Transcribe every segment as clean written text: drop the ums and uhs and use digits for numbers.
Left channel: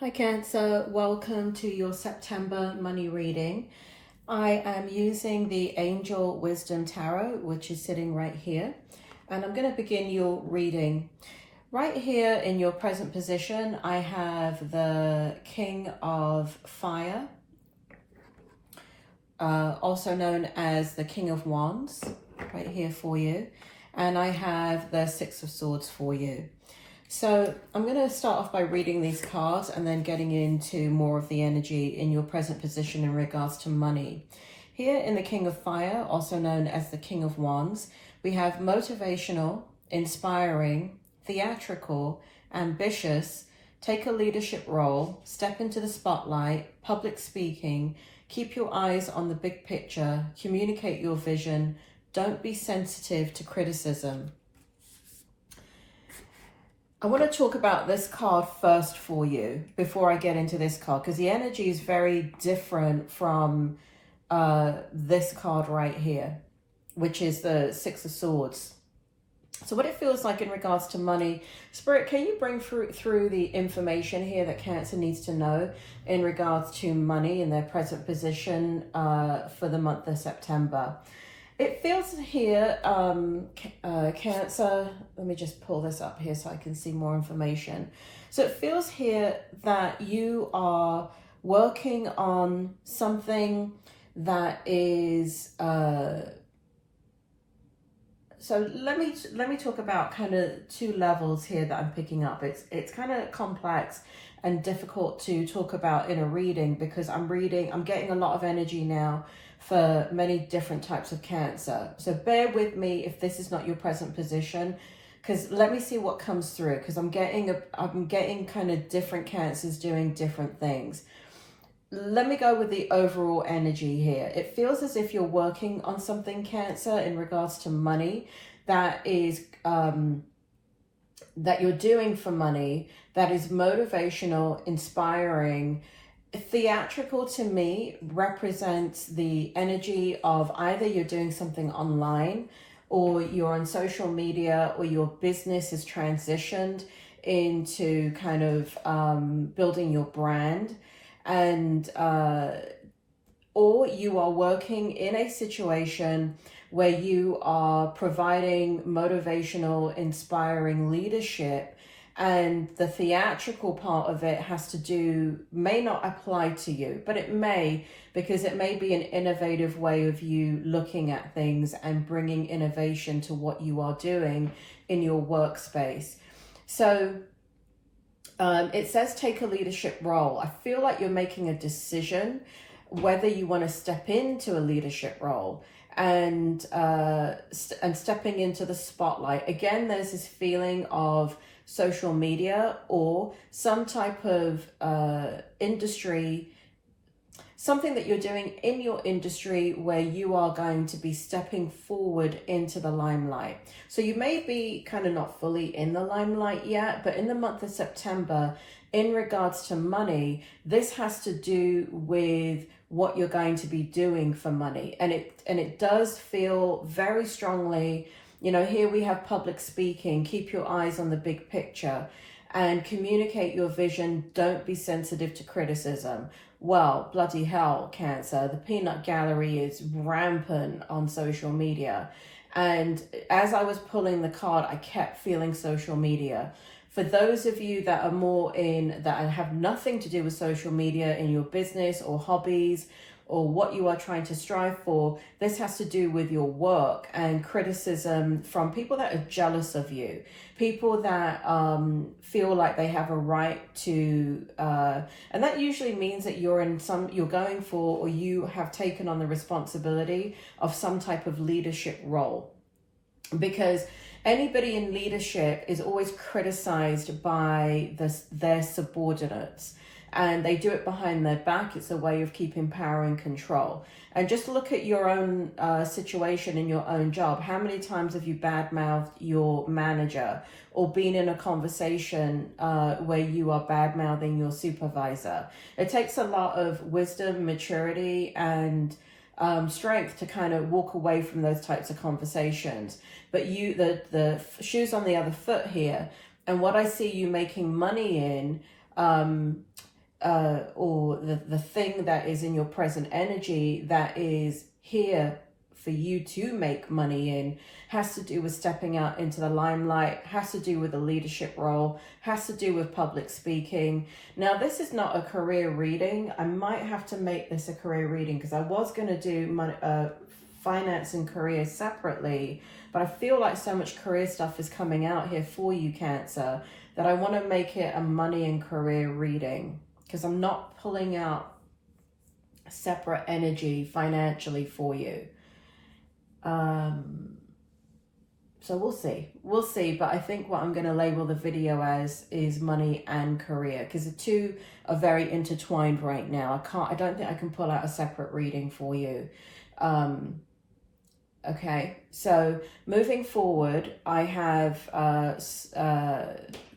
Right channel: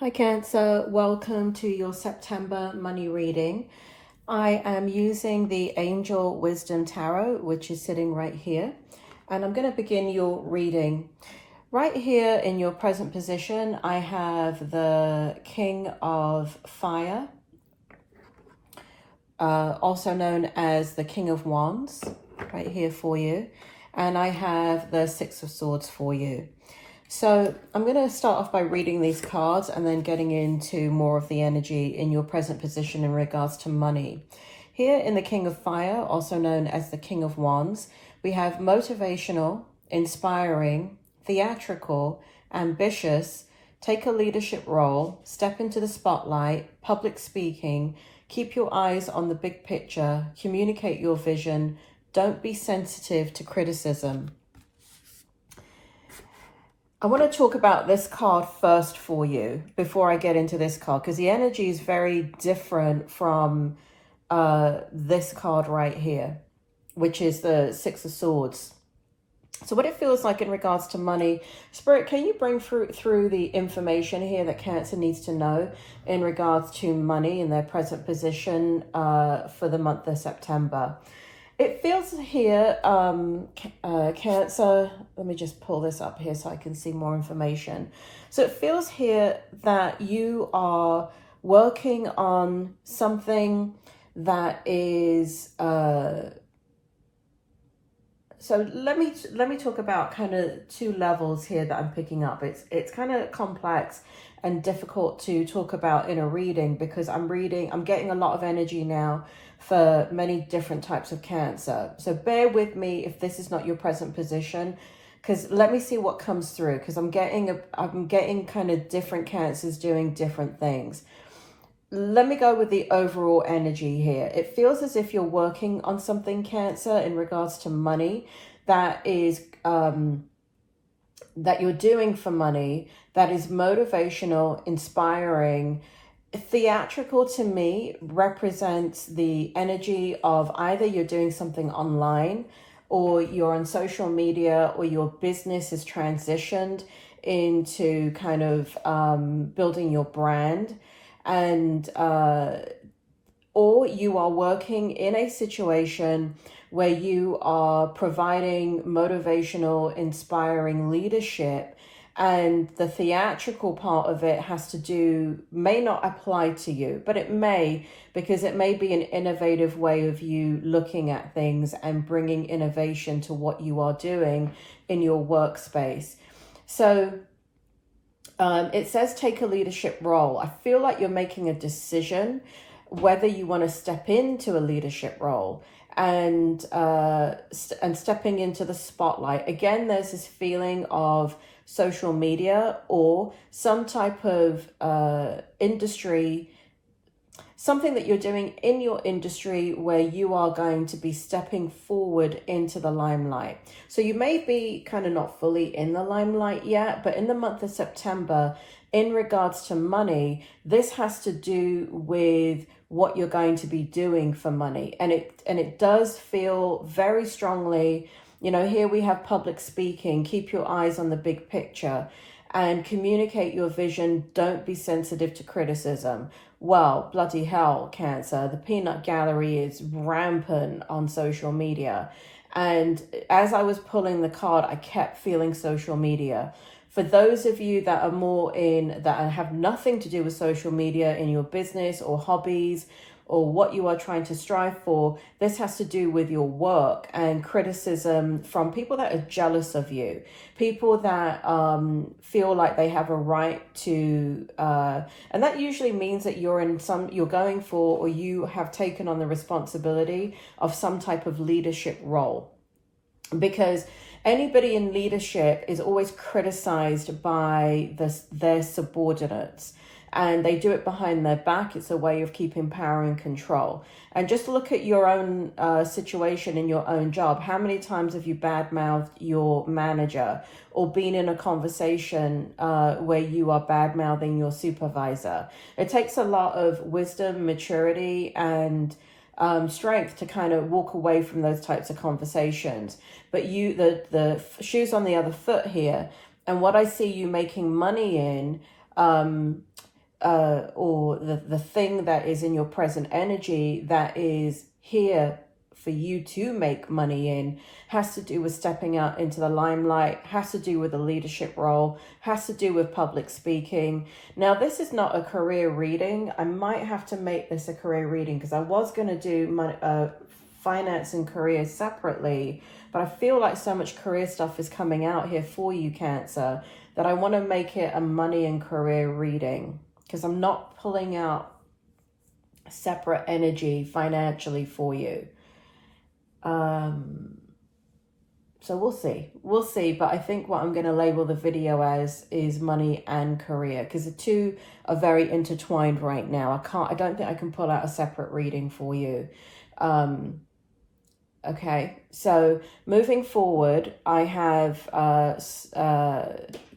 Hi Cancer, welcome to your September money reading. I am using the Angel Wisdom Tarot, which is sitting right here. And I'm going to begin your reading. Right here in your present position, I have the King of Fire, also known as the King of Wands, right here for you. And I have the Six of Swords for you. So I'm going to start off by reading these cards and then getting into more of the energy in your present position in regards to money. Here in the King of Fire, also known as the King of Wands, we have motivational, inspiring, theatrical, ambitious, take a leadership role, step into the spotlight, public speaking, keep your eyes on the big picture, communicate your vision, don't be sensitive to criticism. I want to talk about this card first for you before I get into this card, because the energy is very different from this card right here, which is the Six of Swords. So what it feels like in regards to money, Spirit, can you bring through the information here that Cancer needs to know in regards to money in their present position for the month of September? It feels here, Cancer, let me just pull this up here so I can see more information. So it feels here that you are working on something that is, so let me talk about kind of two levels here that I'm picking up. It's kind of complex and difficult to talk about in a reading because I'm getting a lot of energy now for many different types of Cancer. So bear with me if this is not your present position, because let me see what comes through, because I'm getting kind of different Cancers doing different things. Let me go with the overall energy here. It feels as if you're working on something, Cancer, in regards to money that is that you're doing for money, that is motivational, inspiring. Theatrical to me represents the energy of either you're doing something online or you're on social media or your business is transitioned into kind of building your brand, and or you are working in a situation where you are providing motivational, inspiring leadership. And the theatrical part of it may not apply to you, but it may, because it may be an innovative way of you looking at things and bringing innovation to what you are doing in your workspace. So it says take a leadership role. I feel like you're making a decision whether you want to step into a leadership role and stepping into the spotlight. Again, there's this feeling of social media or some type of industry, something that you're doing in your industry where you are going to be stepping forward into the limelight. So you may be kind of not fully in the limelight yet, but in the month of September, in regards to money, this has to do with what you're going to be doing for money. And it does feel very strongly, you know, here we have public speaking, keep your eyes on the big picture and communicate your vision. Don't be sensitive to criticism. Well, bloody hell, Cancer, the peanut gallery is rampant on social media. And as I was pulling the card, I kept feeling social media. For those of you that are more that have nothing to do with social media in your business or hobbies or what you are trying to strive for, this has to do with your work and criticism from people that are jealous of you, people that feel like they have a right to, and that usually means that you're going for, or you have taken on the responsibility of some type of leadership role. Because anybody in leadership is always criticized by their subordinates, and they do it behind their back. It's a way of keeping power and control. And just look at your own situation in your own job. How many times have you badmouthed your manager or been in a conversation where you are badmouthing your supervisor? It takes a lot of wisdom, maturity, and strength to kind of walk away from those types of conversations. But the shoe's on the other foot here, and what I see you making money in or the thing that is in your present energy that is here for you to make money in has to do with stepping out into the limelight, has to do with a leadership role, has to do with public speaking. Now, this is not a career reading. I might have to make this a career reading because I was going to do my finance and career separately, but I feel like so much career stuff is coming out here for you, Cancer, that I want to make it a money and career reading because I'm not pulling out separate energy financially for you. So we'll see, but I think what I'm going to label the video as is money and career, because the two are very intertwined right now. I don't think I can pull out a separate reading for you. Okay, so moving forward, I have,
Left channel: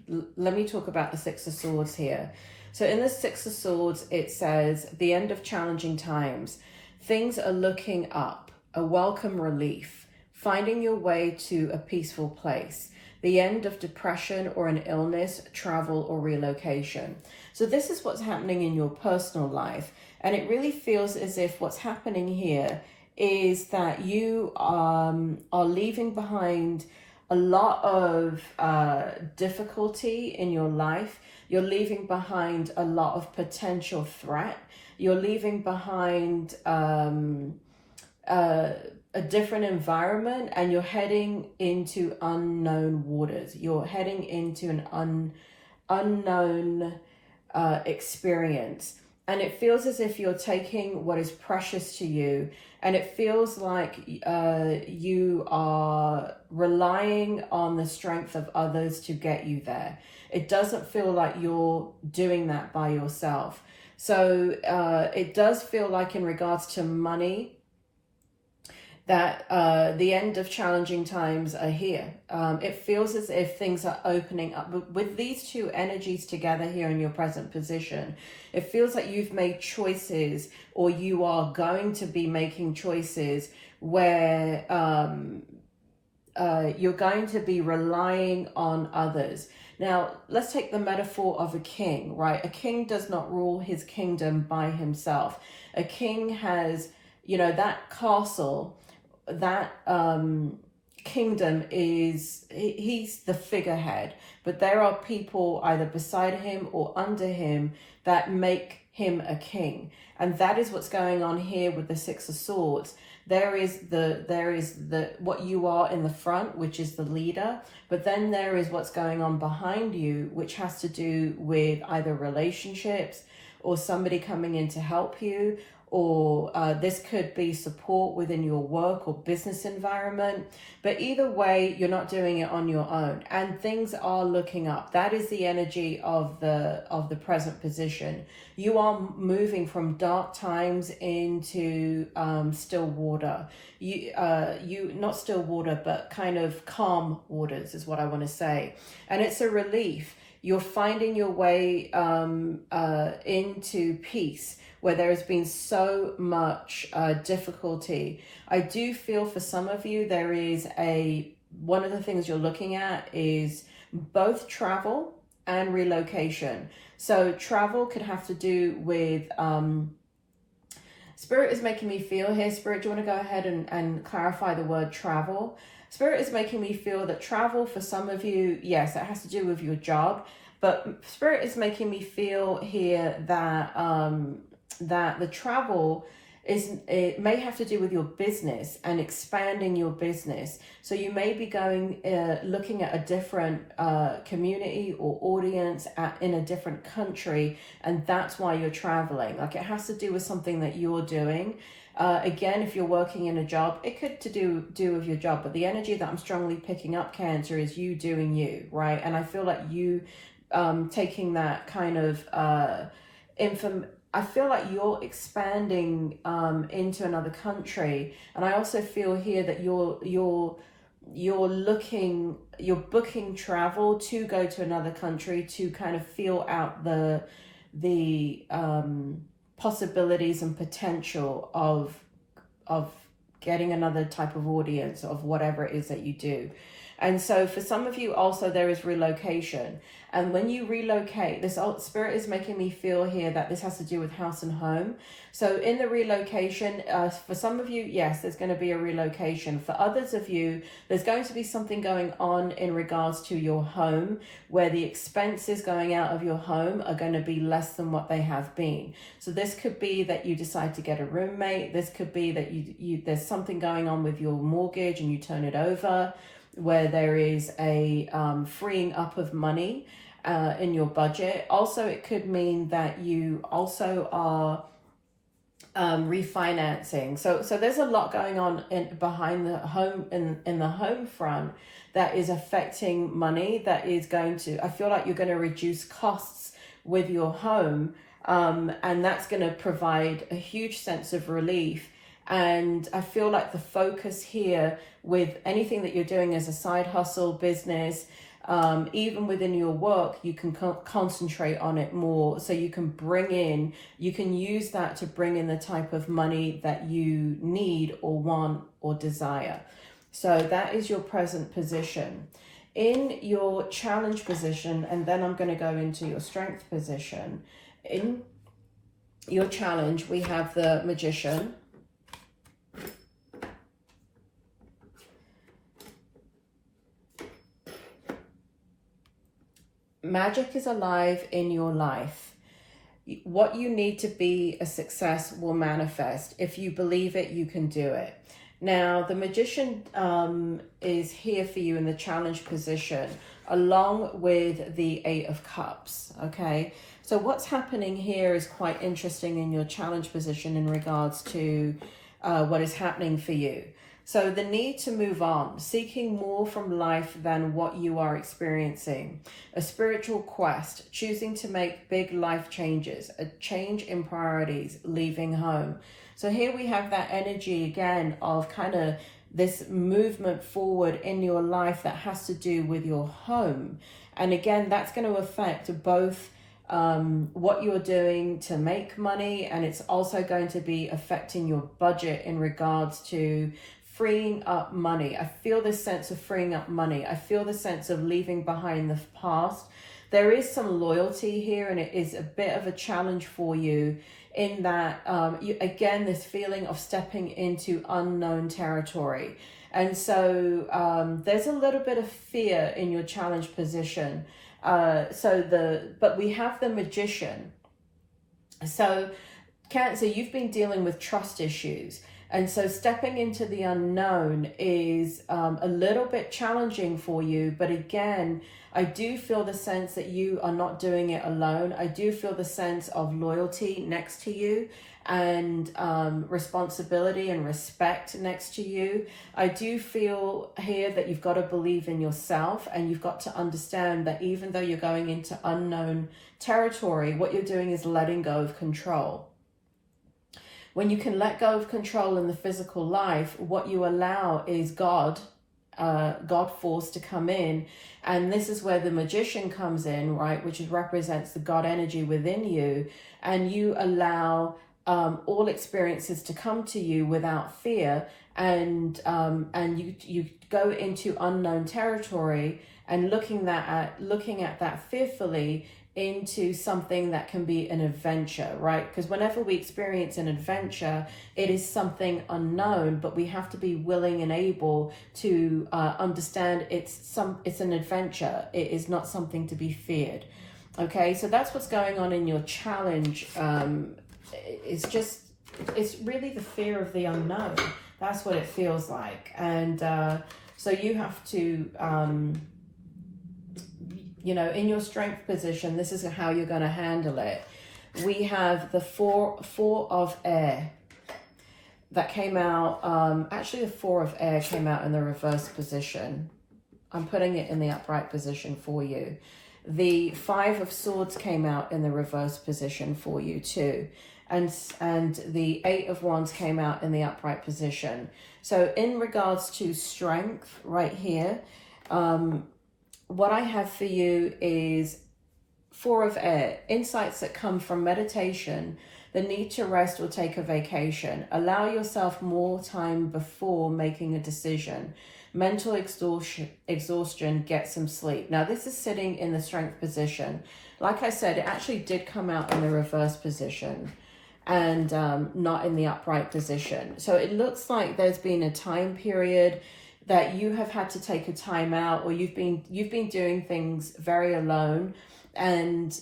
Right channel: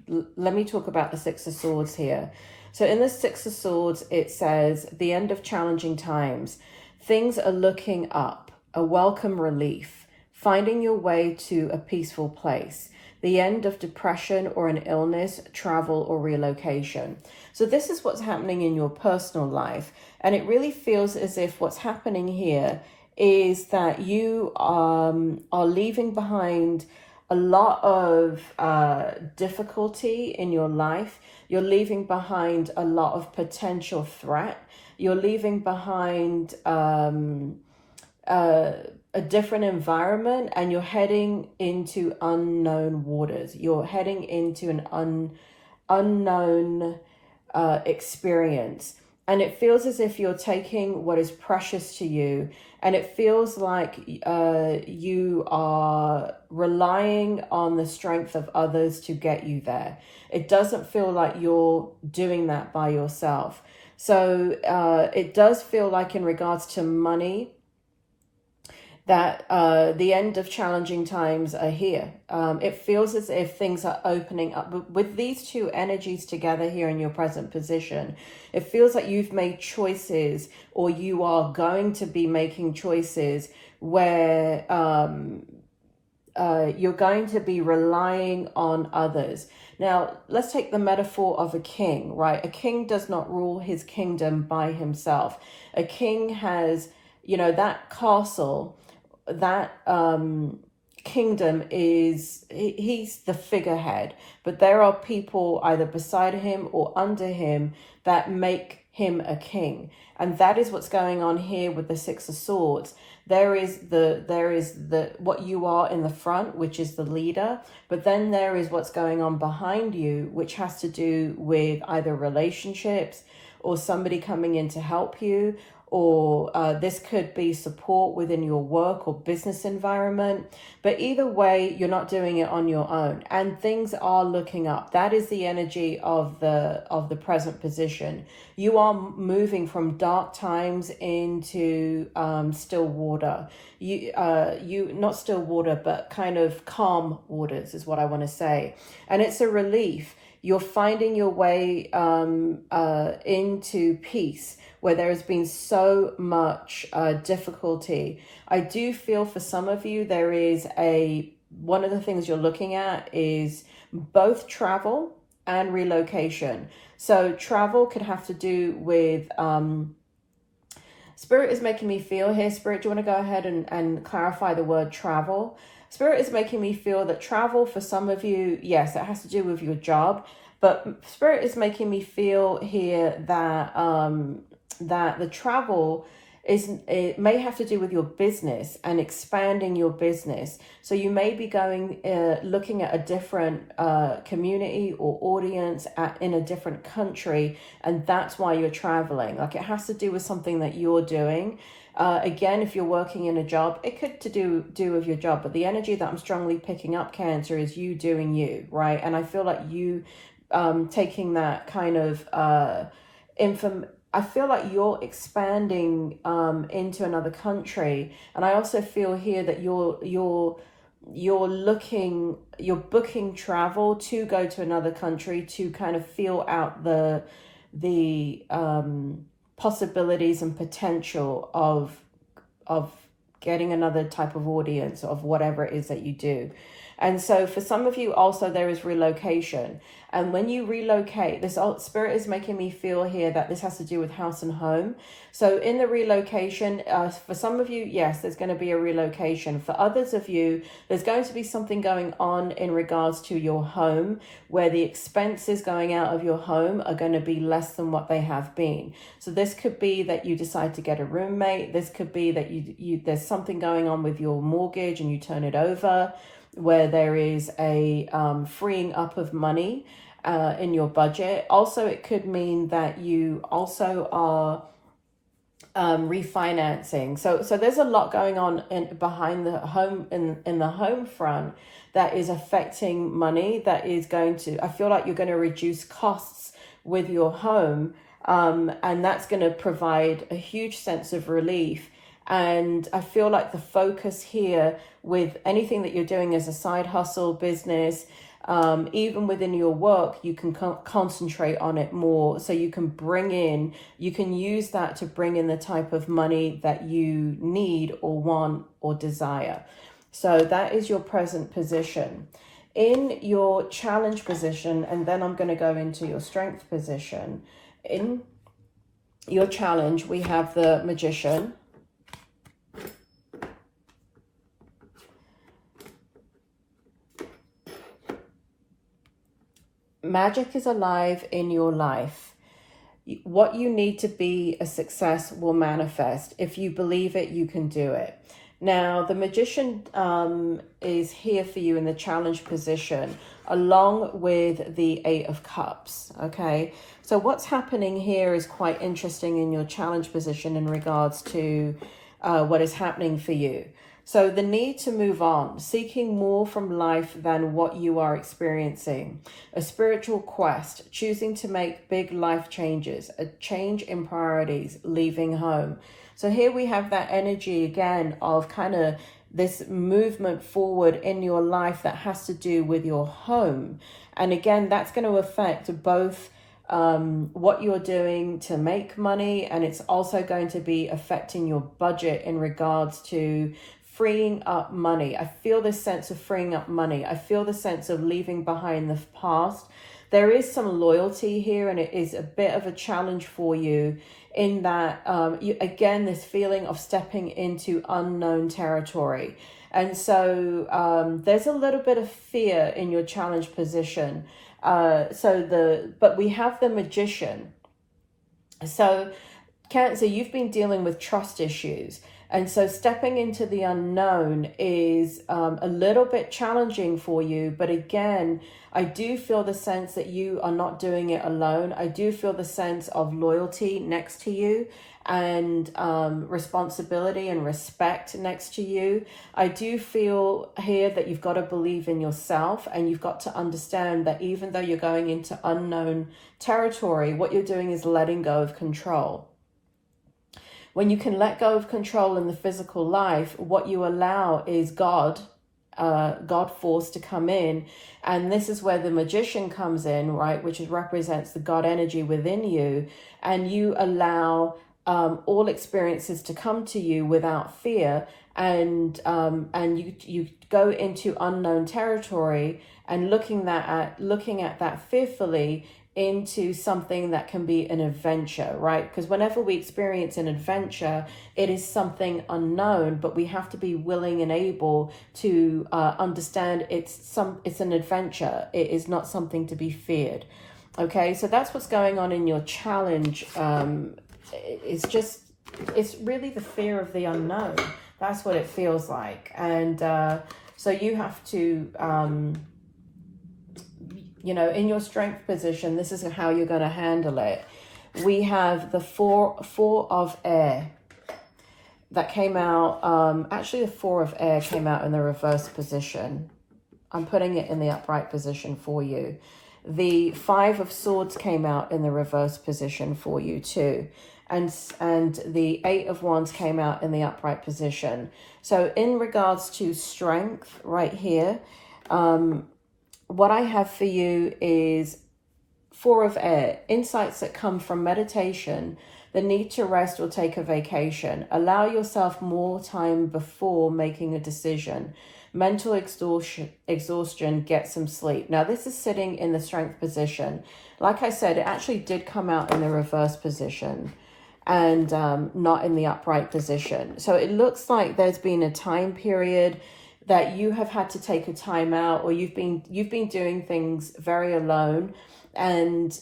let me talk about the Six of Swords here. So in the Six of Swords, it says, the end of challenging times. Things are looking up, a welcome relief. Finding your way to a peaceful place, the end of depression or an illness, travel or relocation. So this is what's happening in your personal life. And it really feels as if what's happening here is that you are leaving behind a lot of difficulty in your life. You're leaving behind a lot of potential threat. You're leaving behind a different environment, and you're heading into unknown waters. You're heading into an unknown experience. And it feels as if you're taking what is precious to you, and it feels like you are relying on the strength of others to get you there. It doesn't feel like you're doing that by yourself. So it does feel like, in regards to money, that the end of challenging times are here. It feels as if things are opening up. With these two energies together here in your present position, it feels like you've made choices, or you are going to be making choices where you're going to be relying on others. Now, let's take the metaphor of a king, right? A king does not rule his kingdom by himself. A king has, that castle, that kingdom is, he's the figurehead, but there are people either beside him or under him that make him a king. And that is what's going on here with the Six of Swords. There is the what you are in the front, which is the leader, but then there is what's going on behind you, which has to do with either relationships or somebody coming in to help you, or this could be support within your work or business environment. But either way, you're not doing it on your own, and things are looking up. That is the energy of the present position. You are moving from dark times into still water. You not still water, but kind of calm waters is what I want to say. And it's a relief. You're finding your way into peace, where there has been so much difficulty. I do feel for some of you, there is one of the things you're looking at is both travel and relocation. So travel could have to do with, Spirit is making me feel here. Spirit, do you want to go ahead and clarify the word travel? Spirit is making me feel that travel for some of you, yes, it has to do with your job, but Spirit is making me feel here that that the travel it may have to do with your business and expanding your business. So you may be going looking at a different community or audience in a different country, and that's why you're traveling. Like, it has to do with something that you're doing. Again, if you're working in a job, it could do with your job, but the energy that I'm strongly picking up, Cancer, is you doing you, right? And I feel like you taking that kind of I feel like you're expanding into another country, and I also feel here that you're booking travel to go to another country to kind of feel out the possibilities and potential of getting another type of audience of whatever it is that you do. And so for some of you also, there is relocation. And when you relocate, this spirit is making me feel here that this has to do with house and home. So in the relocation, for some of you, yes, there's going to be a relocation. For others of you, there's going to be something going on in regards to your home, where the expenses going out of your home are going to be less than what they have been. So this could be that you decide to get a roommate. This could be that there's something going on with your mortgage and you turn it over, where there is a freeing up of money in your budget. Also, it could mean that you also are refinancing. So there's a lot going on behind the home, in the home front, that is affecting money, that is going to, I feel like you're going to reduce costs with your home, and that's going to provide a huge sense of relief. And I feel like the focus here with anything that you're doing as a side hustle, business, even within your work, you can concentrate on it more. So you can use that to bring in the type of money that you need or want or desire. So that is your present position. In your challenge position, and then I'm going to go into your strength position. In your challenge, we have the Magician. Magic is alive in your life. What you need to be a success will manifest. If you believe it, you can do it. Now, the Magician is here for you in the challenge position, along with the Eight of Cups, okay? So what's happening here is quite interesting in your challenge position in regards to what is happening for you. So the need to move on, seeking more from life than what you are experiencing, a spiritual quest, choosing to make big life changes, a change in priorities, leaving home. So here we have that energy again of kind of this movement forward in your life that has to do with your home. And again, that's going to affect both what you're doing to make money, and it's also going to be affecting your budget in regards to freeing up money. I feel this sense of freeing up money. I feel the sense of leaving behind the past. There is some loyalty here, and it is a bit of a challenge for you in that, again, this feeling of stepping into unknown territory. And so there's a little bit of fear in your challenge position. But we have the Magician. So Cancer, you've been dealing with trust issues. And so stepping into the unknown is a little bit challenging for you. But again, I do feel the sense that you are not doing it alone. I do feel the sense of loyalty next to you, and responsibility and respect next to you. I do feel here that you've got to believe in yourself, and you've got to understand that even though you're going into unknown territory, what you're doing is letting go of control. When you can let go of control in the physical life, what you allow is God force to come in. And this is where the Magician comes in, right? Which represents the God energy within you. And you allow all experiences to come to you without fear. And you go into unknown territory and looking at that fearfully into something that can be an adventure, right? Because whenever we experience an adventure, it is something unknown, but we have to be willing and able to understand it's an adventure. It is not something to be feared. Okay, so that's what's going on in your challenge. It's really the fear of the unknown. That's what it feels like. And so you have to in your strength position, this is how you're going to handle it. We have the four of air that came out. Actually, the Four of Air came out in the reverse position. I'm putting it in the upright position for you. The Five of Swords came out in the reverse position for you too. And the Eight of Wands came out in the upright position. So in regards to strength right here, what I have for you is Four of Air, insights that come from meditation, the need to rest or take a vacation. Allow yourself more time before making a decision. mental exhaustion, get some sleep. Now, this is sitting in the Strength position. Like I said, it actually did come out in the reverse position and not in the upright position. So it looks like there's been a time period that you have had to take a time out, or you've been doing things very alone and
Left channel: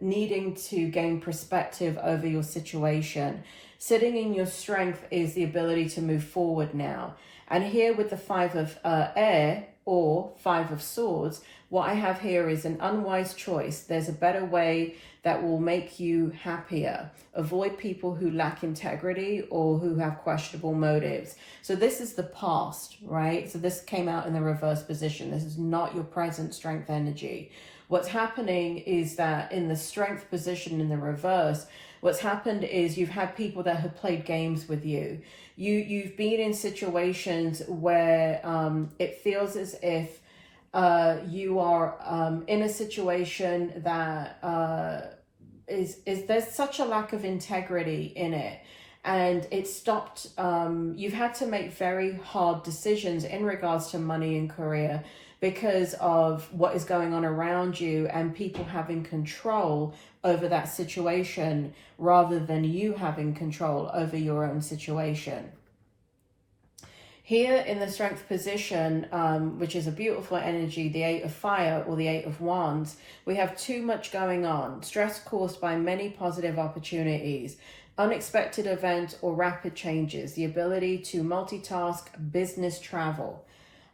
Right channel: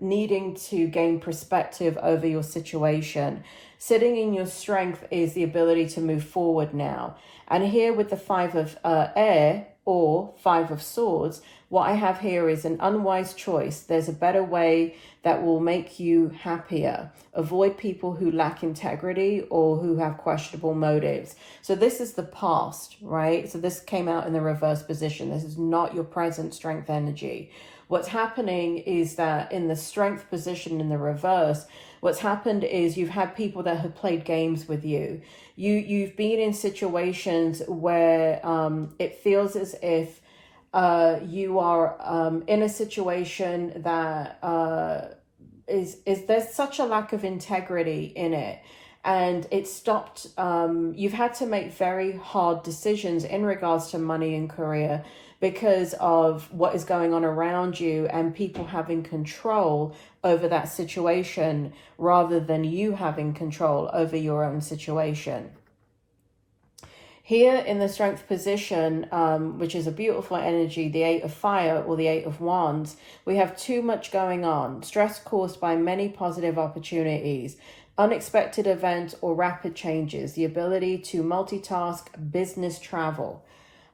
needing to gain perspective over your situation. Sitting in your strength is the ability to move forward now. And here with the 5 of air or 5 of swords, what I have here is an unwise choice. There's a better way that will make you happier. Avoid people who lack integrity or who have questionable motives. So this is the past, right? So this came out in the reverse position. This is not your present strength energy. What's happening is that in the strength position in the reverse, what's happened is you've had people that have played games with you. You've been in situations where it feels as if you are in a situation that is there's such a lack of integrity in it, and it stopped. You've had to make very hard decisions in regards to money and career because of what is going on around you and people having control over that situation rather than you having control over your own situation. Here in the strength position, which is a beautiful energy, the 8 of fire or the 8 of wands, we have too much going on. Stress caused by many positive opportunities, unexpected events or rapid changes, the ability to multitask, business travel.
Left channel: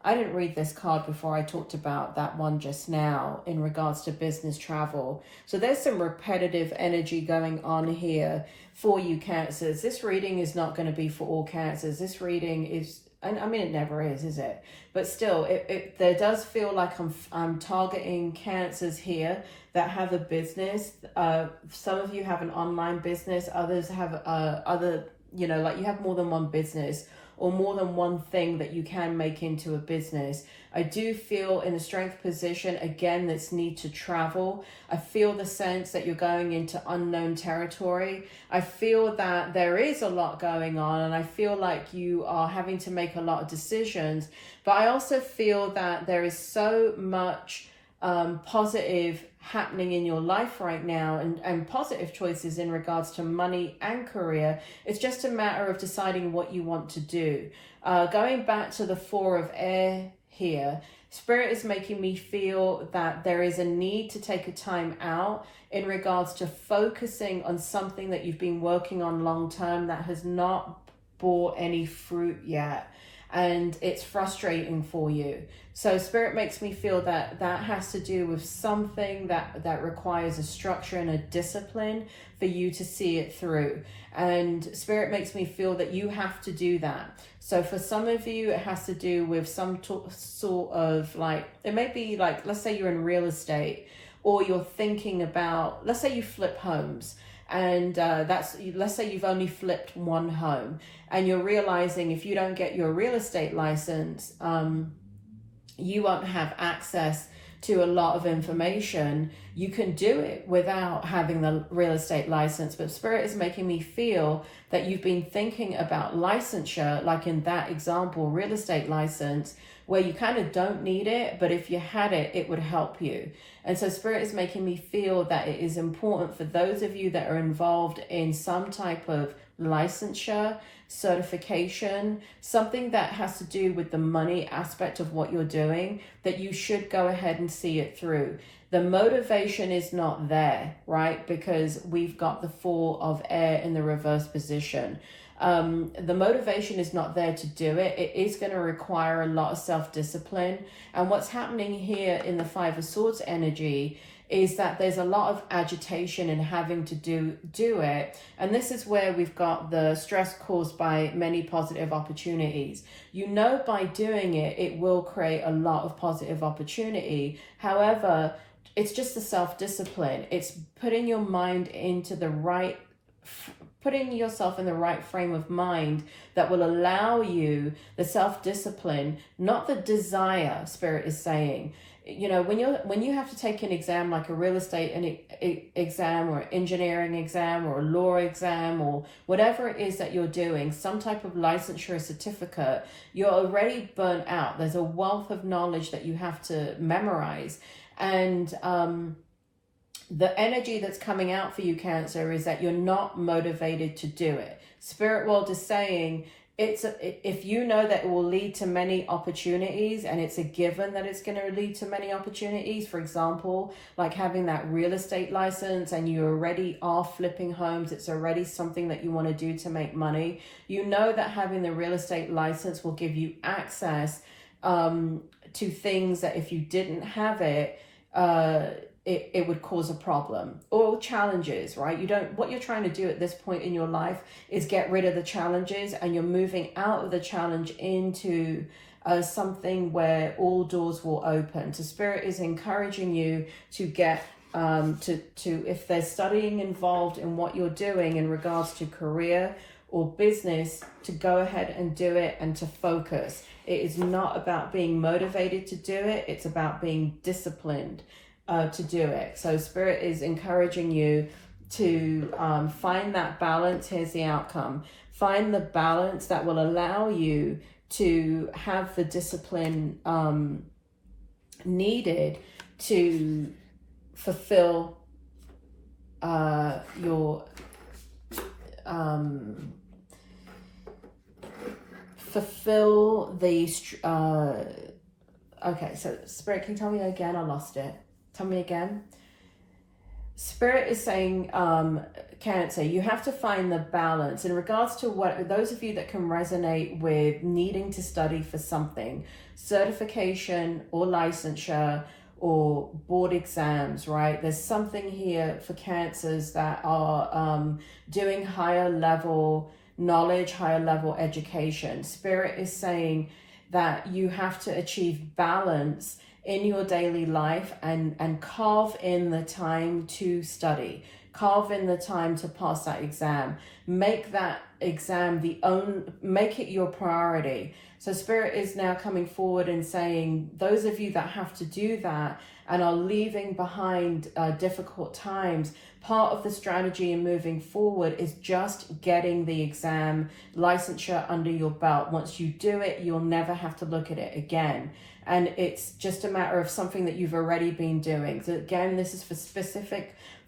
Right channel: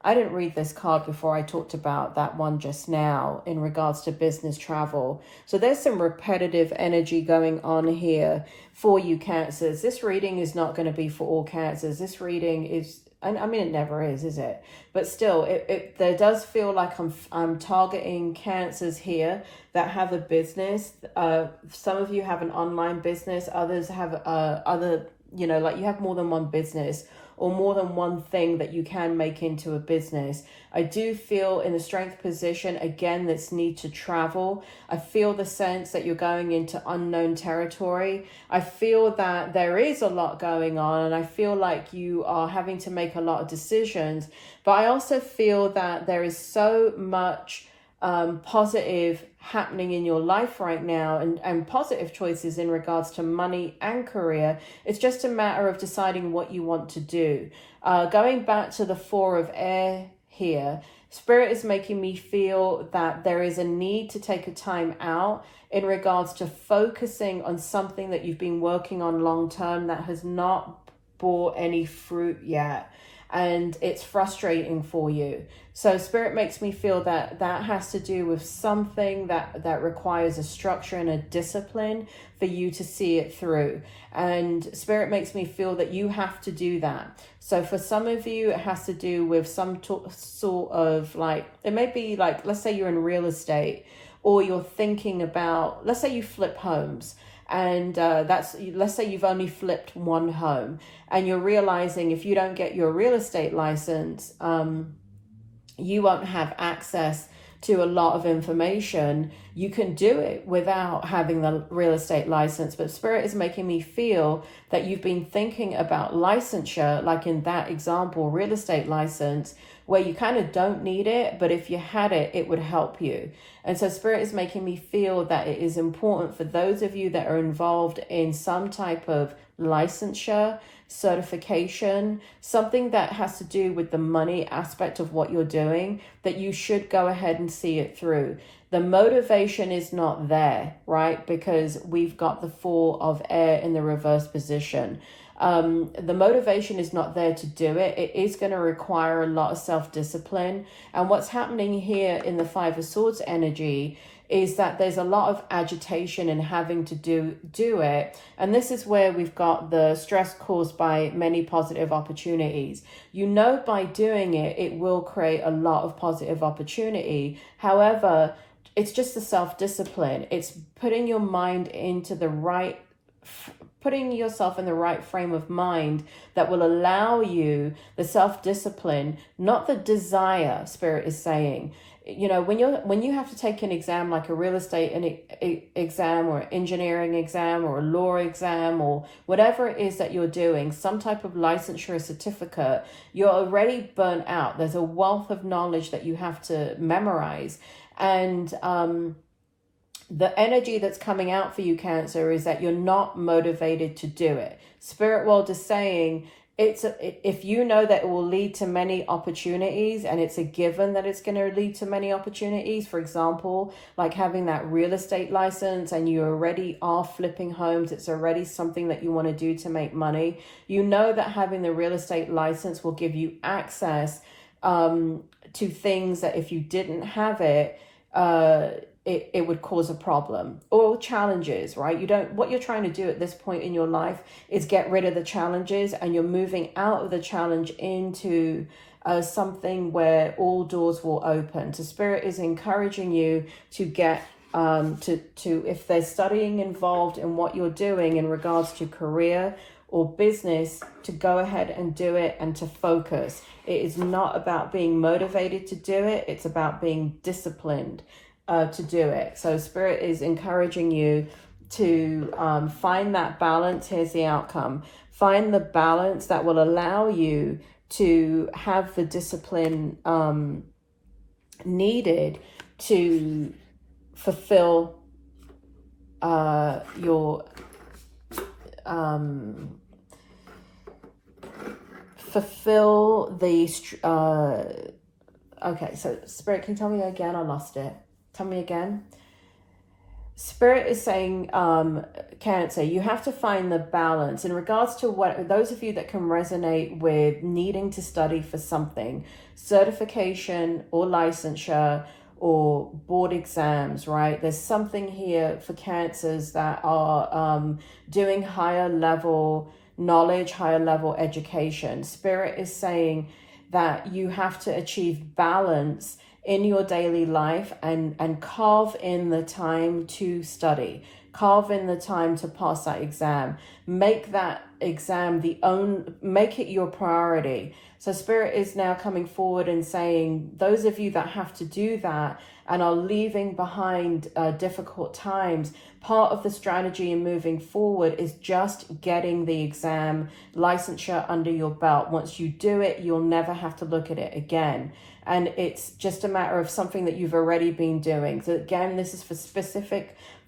I didn't read this card before I talked about that one just now in regards to business travel. So there's some repetitive energy going on here for you Cancers. This reading is not going to be for all Cancers. This reading is, and I mean, it never is it? But still, there does feel like I'm targeting Cancers here that have a business. Some of you have an online business. Others have like you have more than one business or more than one thing that you can make into a business. I do feel in the strength position, again, this need to travel. I feel the sense that you're going into unknown territory. I feel that there is a lot going on, and I feel like you are having to make a lot of decisions. But I also feel that there is so much positive happening in your life right now, and positive choices in regards to money and career. It's just a matter of deciding what you want to do. Going back to the 4 of air here, Spirit is making me feel that there is a need to take a time out in regards to focusing on something that you've been working on long term that has not bore any fruit yet. And it's frustrating for you. So Spirit makes me feel that that has to do with something that requires a structure and a discipline for you to see it through. And Spirit makes me feel that you have to do that. So for some of you, it has to do with some sort of like, it may be like, let's say you're in real estate, or you're thinking about, let's say you flip homes. And let's say you've only flipped one home, and you're realizing if you don't get your real estate license, you won't have access to a lot of information. You can do it without having the real estate license, but Spirit is making me feel that you've been thinking about licensure, like in that example, real estate license, where you kind of don't need it, but if you had it, it would help you. And so Spirit is making me feel that it is important for those of you that are involved in some type of licensure, certification, something that has to do with the money aspect of what you're doing, that you should go ahead and see it through. The motivation is not there, right? Because we've got the 4 of air in the reverse position. The motivation is not there to do it. It is going to require a lot of self-discipline. And what's happening here in the 5 of Swords energy is that there's a lot of agitation in having to do it. And this is where we've got the stress caused by many positive opportunities. You know, by doing it, it will create a lot of positive opportunity. However, it's just the self-discipline. It's putting your mind into the right, putting yourself in the right frame of mind that will allow you the self-discipline, not the desire, Spirit is saying. you know, when you have to take an exam like a real estate exam or engineering exam or a law exam or whatever it is that you're doing, some type of licensure or certificate, you're already burnt out. There's a wealth of knowledge that you have to memorize. And the energy that's coming out for you, Cancer, is that you're not motivated to do it. Spirit world is saying, if you know that it will lead to many opportunities, and it's a given that it's going to lead to many opportunities, for example, like having that real estate license and you already are flipping homes, it's already something that you want to do to make money. You know that having the real estate license will give you access to things that if you didn't have it, it would cause a problem or challenges, right? What you're trying to do at this point in your life is get rid of the challenges, and you're moving out of the challenge into something where all doors will open. So Spirit is encouraging you to get to if there's studying involved in what you're doing in regards to career or business, to go ahead and do it and to focus. It is not about being motivated to do it. It's about being disciplined to do it. So Spirit is encouraging you to find that balance. Here's the outcome. Find the balance that will allow you to have the discipline needed to fulfill your okay, so Spirit, can you tell me again? I lost it. Tell me again. Spirit is saying, Cancer, you have to find the balance in regards to what those of you that can resonate with needing to study for something, certification or licensure or board exams, right? There's something here for Cancers that are doing higher level knowledge, higher level education. Spirit is saying that you have to achieve balance in your daily life and carve in the time to study, carve in the time to pass that exam, make that exam make it your priority. So Spirit is now coming forward and saying, those of you that have to do that and are leaving behind difficult times, part of the strategy in moving forward is just getting the exam licensure under your belt. Once you do it, you'll never have to look at it again. And it's just a matter of something that you've already been doing. So again, this is for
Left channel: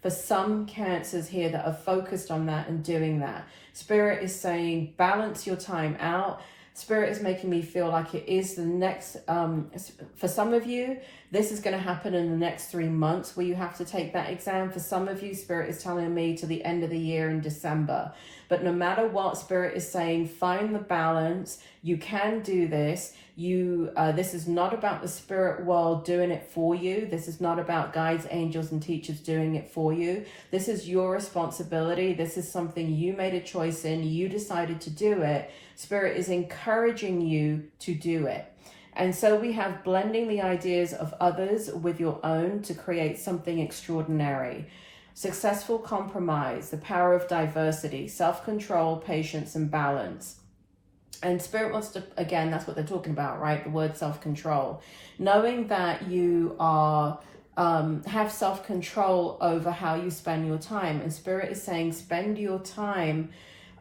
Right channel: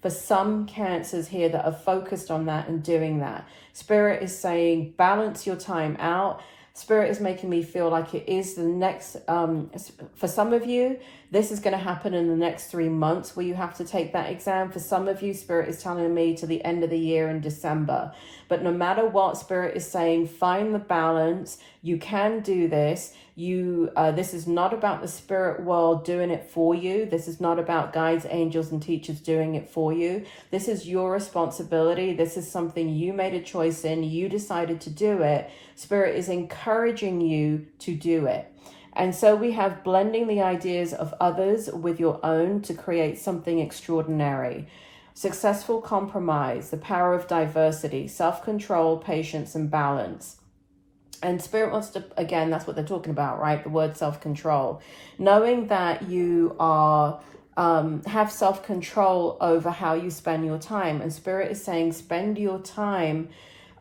some Cancers here that are focused on that and doing that. Spirit is saying, balance your time out. Spirit is making me feel like it is the next, for some of you, this is going to happen in the next 3 months where you have to take that exam. For some of you, Spirit is telling me to the end of the year in December. But no matter what, Spirit is saying, find the balance. You can do this. This is not about the spirit world doing it for you. This is not about guides, angels, and teachers doing it for you. This is your responsibility. This is something you made a choice in. You decided to do it. Spirit is encouraging you to do it. And so we have blending the ideas of others with your own to create something extraordinary. Successful compromise, the power of diversity, self-control, patience, and balance. And Spirit wants to, again, that's what they're talking about, right? The word self-control. Knowing that you are have self-control over how you spend your time. And Spirit is saying, spend your time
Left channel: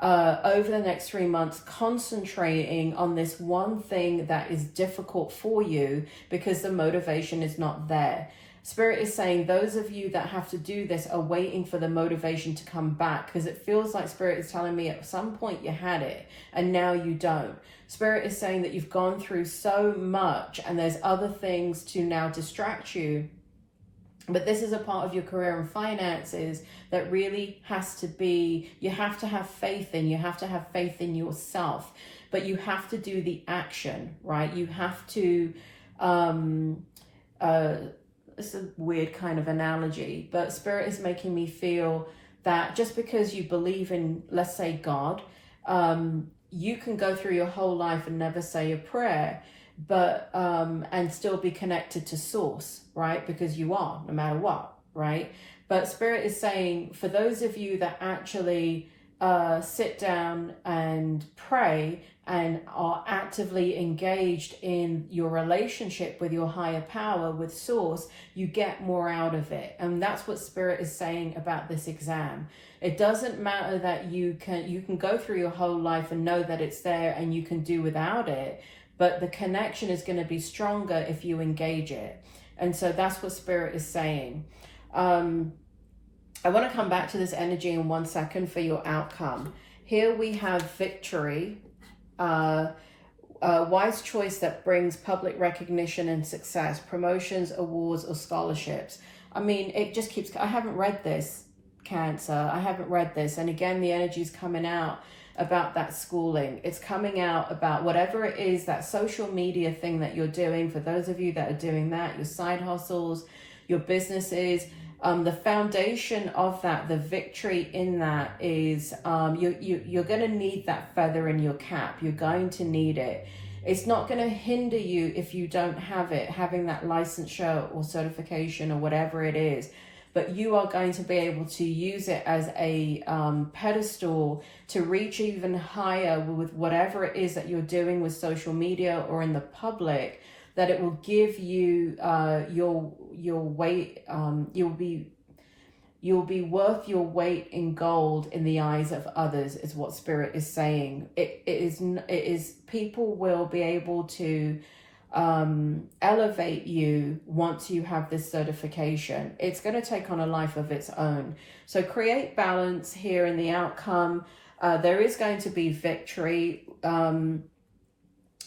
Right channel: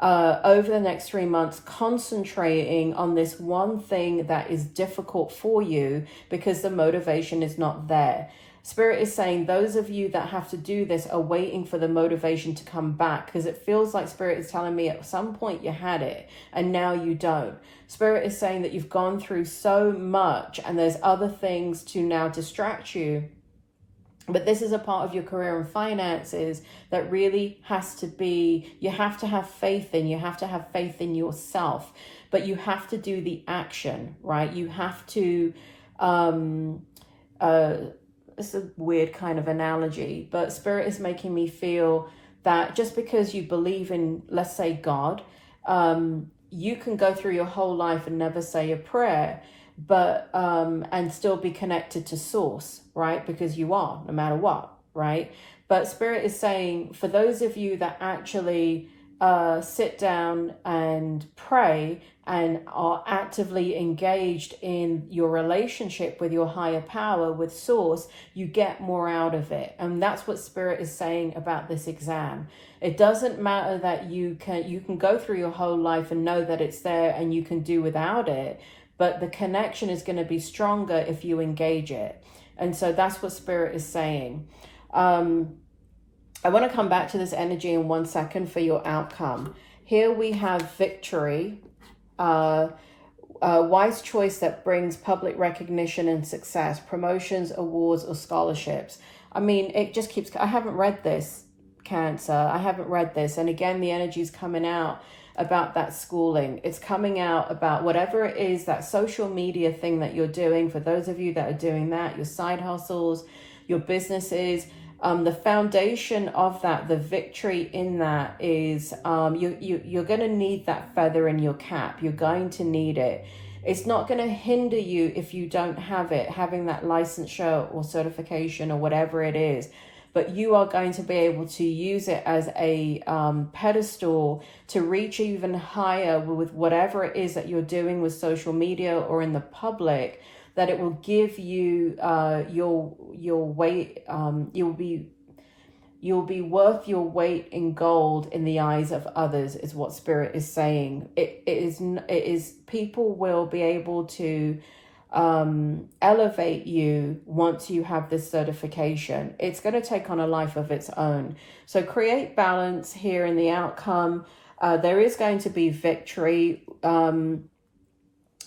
over the next 3 months concentrating on this one thing that is difficult for you because the motivation is not there. Spirit is saying those of you that have to do this are waiting for the motivation to come back, because it feels like Spirit is telling me at some point you had it and now you don't. Spirit is saying that you've gone through so much and there's other things to now distract you. But this is a part of your career and finances that really has to be, you have to have faith in, you have to have faith in yourself, but you have to do the action, right? You have to, it's a weird kind of analogy, but Spirit is making me feel that just because you believe in, let's say, God, you can go through your whole life and never say a prayer, but and still be connected to source, right? Because you are, no matter what, right? But Spirit is saying, for those of you that actually sit down and pray and are actively engaged in your relationship with your higher power, with source, you get more out of it. And that's what Spirit is saying about this exam. It doesn't matter that you can go through your whole life and know that it's there and you can do without it, but the connection is going to be stronger if you engage it. And so that's what Spirit is saying. I want to come back to this energy in 1 second for your outcome. Here we have victory, a wise choice that brings public recognition and success, promotions, awards, or scholarships. I mean, it just keeps, I haven't read this, Cancer. I haven't read this. And again, the energy is coming out about that schooling. It's coming out about whatever it is, that social media thing that you're doing. For those of you that are doing that, your side hustles, your businesses, the foundation of that, the victory in that is you're going to need that feather in your cap. You're going to need it. It's not going to hinder you if you don't have it, having that licensure or certification or whatever it is. But you are going to be able to use it as a pedestal to reach even higher with whatever it is that you're doing with social media or in the public, that it will give you your weight. You'll be worth your weight in gold in the eyes of others, is what Spirit is saying. It is people will be able to elevate you once you have this certification. It's going to take on a life of its own. So create balance here in the outcome. There is going to be victory.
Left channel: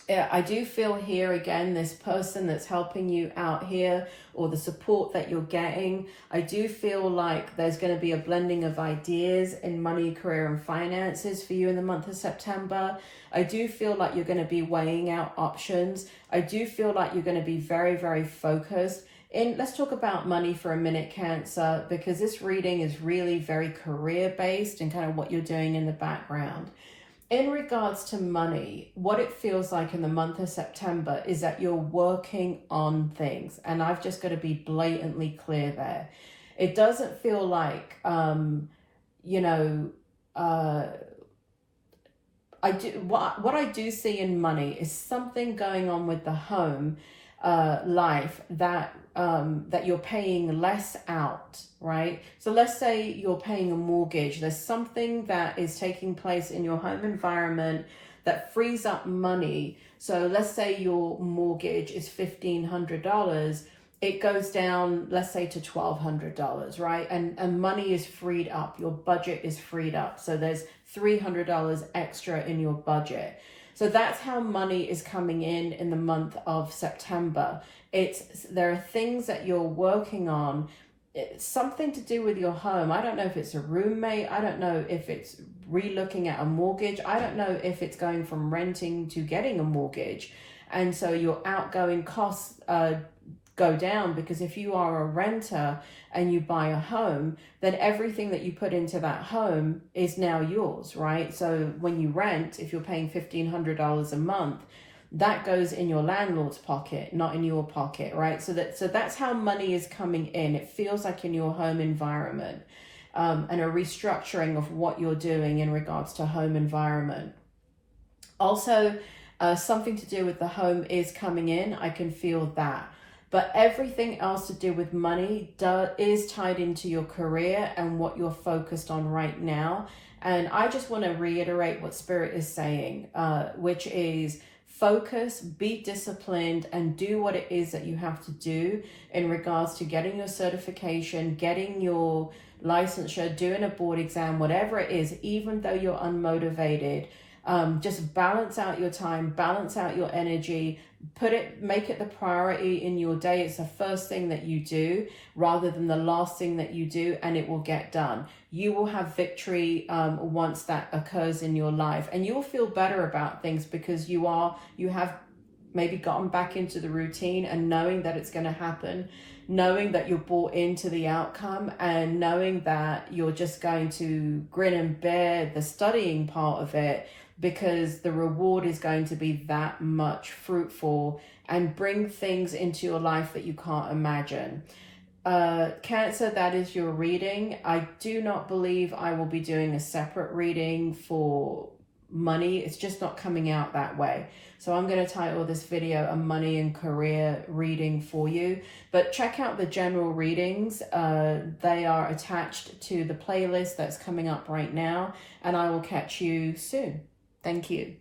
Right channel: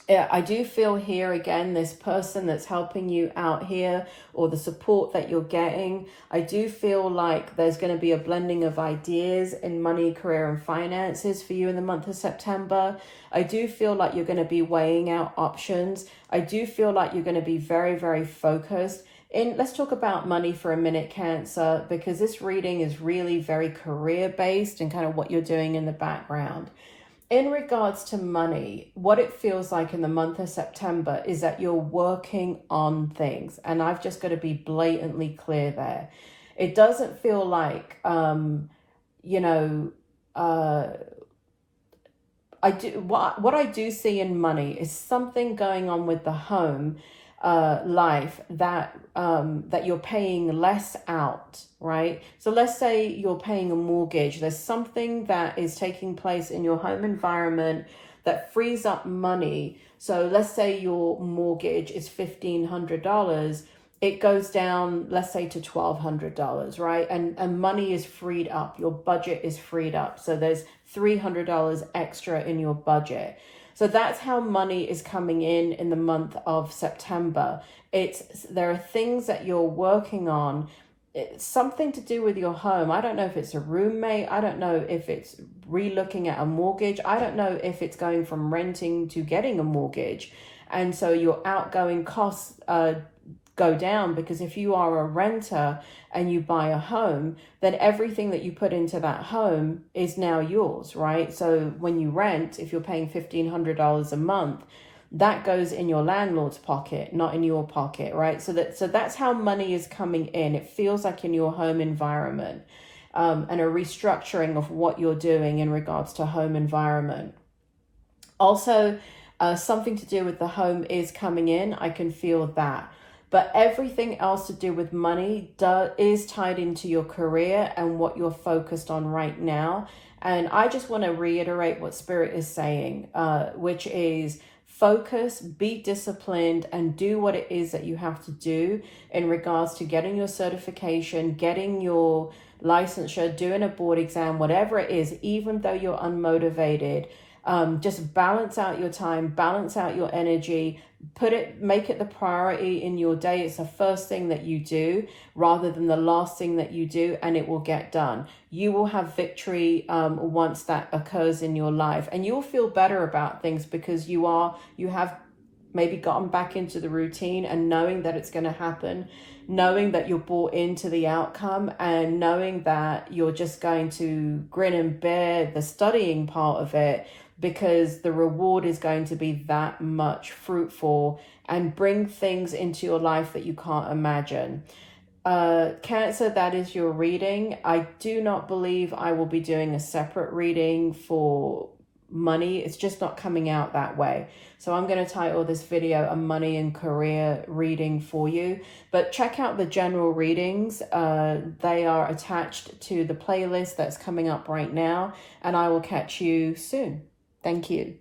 I do feel here again, this person that's helping you out here, or the support that you're getting. I do feel like there's going to be a blending of ideas in money, career, and finances for you in the month of September. I do feel like you're going to be weighing out options. I do feel like you're going to be very, very focused. Let's talk about money for a minute, Cancer, because this reading is really very career based and kind of what you're doing in the background. In regards to money, what it feels like in the month of September is that you're working on things. And I've just got to be blatantly clear there. It doesn't feel like, what I do see in money is something going on with the home life that you're paying less out, right? So let's say you're paying a mortgage. There's something that is taking place in your home environment that frees up money. So let's say your mortgage is $1,500. It goes down, let's say, to $1,200, right? And money is freed up. Your budget is freed up. So there's $300 extra in your budget. So that's how money is coming in the month of September. There are things that you're working on. It's something to do with your home. I don't know if it's a roommate. I don't know if it's re-looking at a mortgage. I don't know if it's going from renting to getting a mortgage. And so your outgoing costs go down, because if you are a renter and you buy a home, then everything that you put into that home is now yours, right? So when you rent, if you're paying $1,500 a month, that goes in your landlord's pocket, not in your pocket, right? So that's how money is coming in. It feels like in your home environment, and a restructuring of what you're doing in regards to home environment. Also, something to do with the home is coming in. I can feel that. But everything else to do with money is tied into your career and what you're focused on right now. And I just want to reiterate what Spirit is saying, which is focus, be disciplined, and do what it is that you have to do in regards to getting your certification, getting your licensure, doing a board exam, whatever it is, even though you're unmotivated. Just balance out your time, balance out your energy, make it the priority in your day. It's the first thing that you do rather than the last thing that you do, and it will get done. You will have victory once that occurs in your life, and you'll feel better about things because you have maybe gotten back into the routine, and knowing that it's going to happen, knowing that you're bought into the outcome, and knowing that you're just going to grin and bear the studying part of it, because the reward is going to be that much fruitful and bring things into your life that you can't imagine. Cancer, that is your reading. I do not believe I will be doing a separate reading for money. It's just not coming out that way. So I'm going to title this video a money and career reading for you. But check out the general readings. They are attached to the playlist that's coming up right now. And I will catch you soon. Thank you.